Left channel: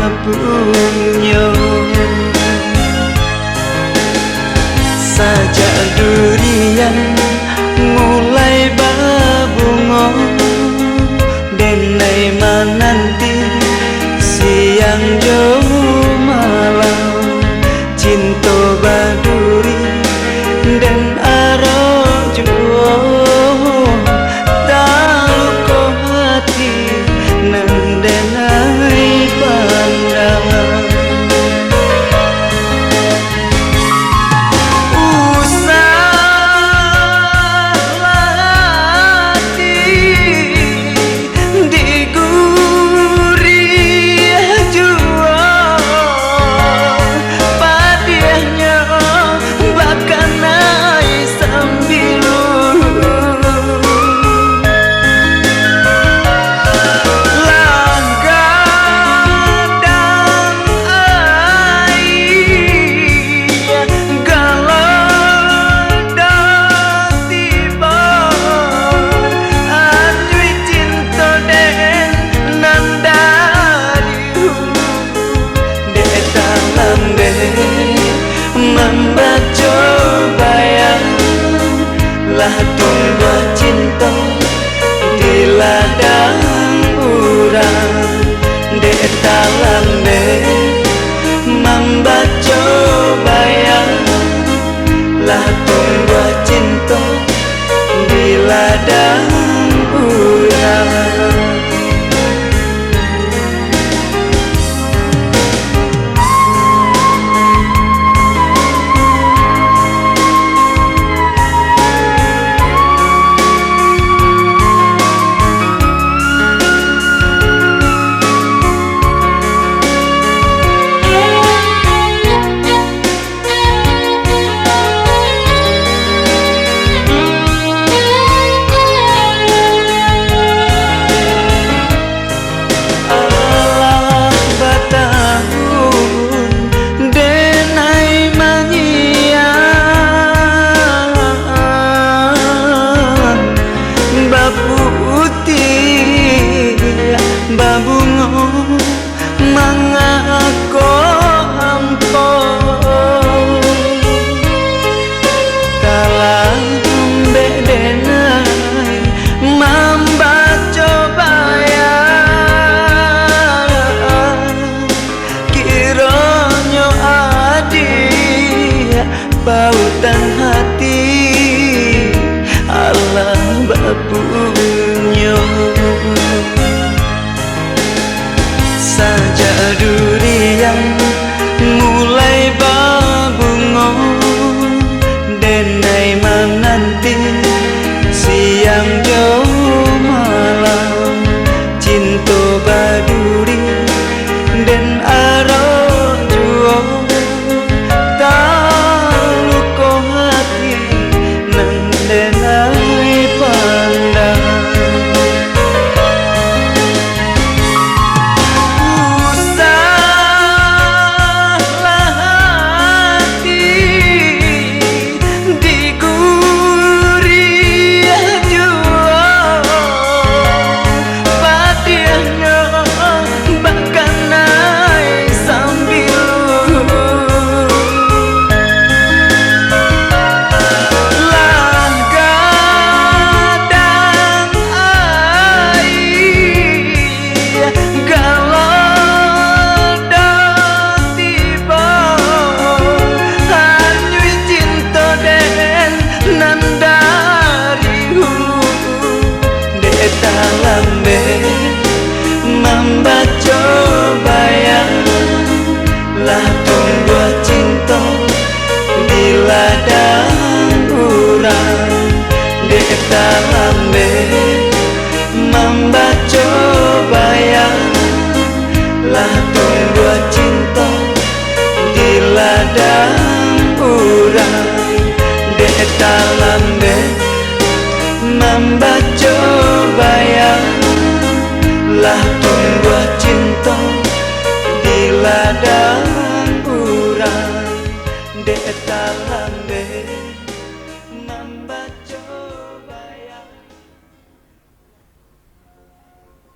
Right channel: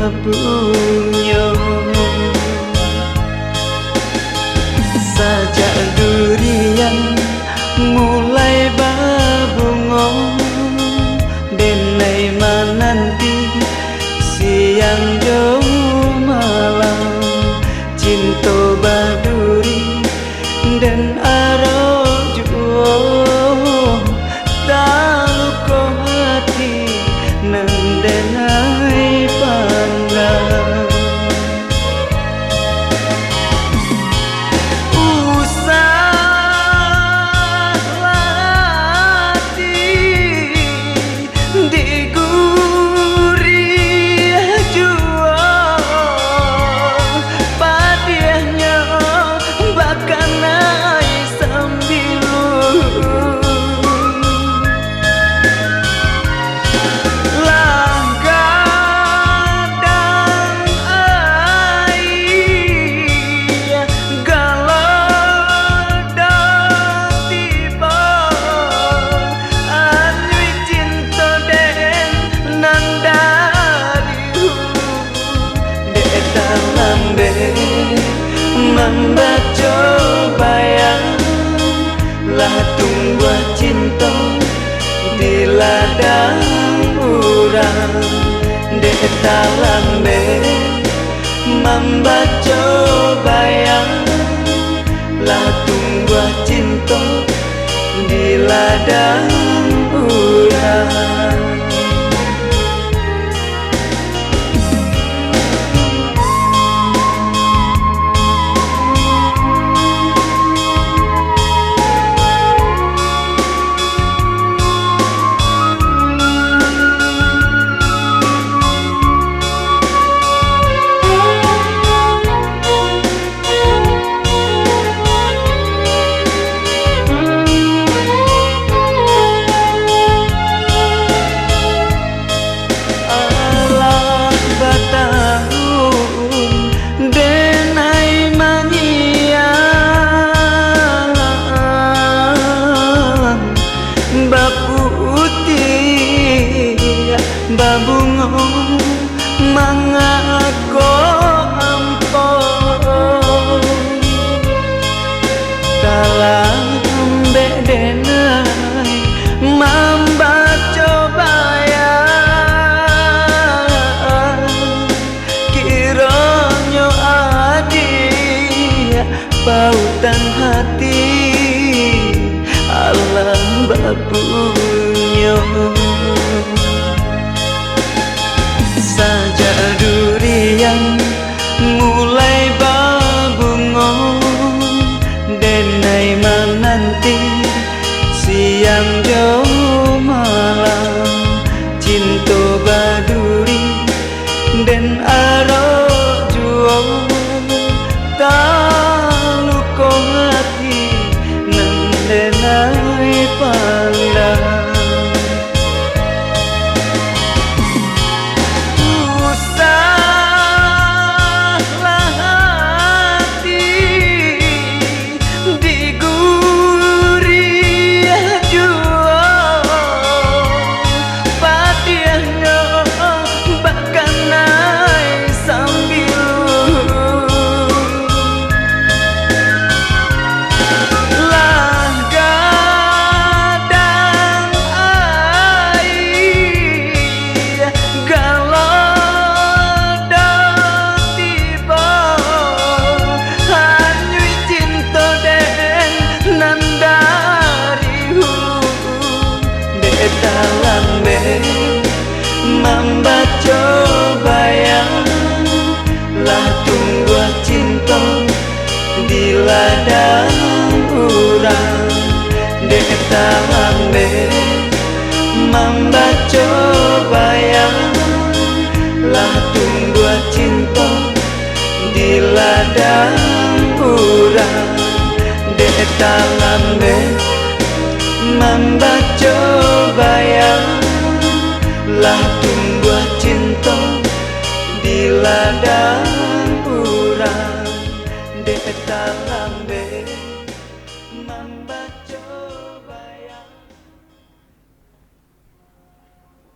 bapunyo sajak durian mulai babungo denai menanti siang jo malam cinta baduri dan arojo tahu ko hati nandenai pandang membaca bayang lah tunggu cinta di ladang urang dek dalam membaca bayang lah tunggu cinta di ladang urang. Babungo mangako ampo dalam bedengan membaca bayang kiranya adi pautan hati Allah bapunyo sajak durian mulai babungo denai menanti siang jo malam cinta baduri dan arojo tahu ko hati nandenai pandang dalam membaca bayang lah tunggu cinta di ladang urang dek dalam membaca bayang lah tunggu cinta di ladang urang dek dalam membaca bayang lah tunggu cinta di ladang urang dek dalam membaca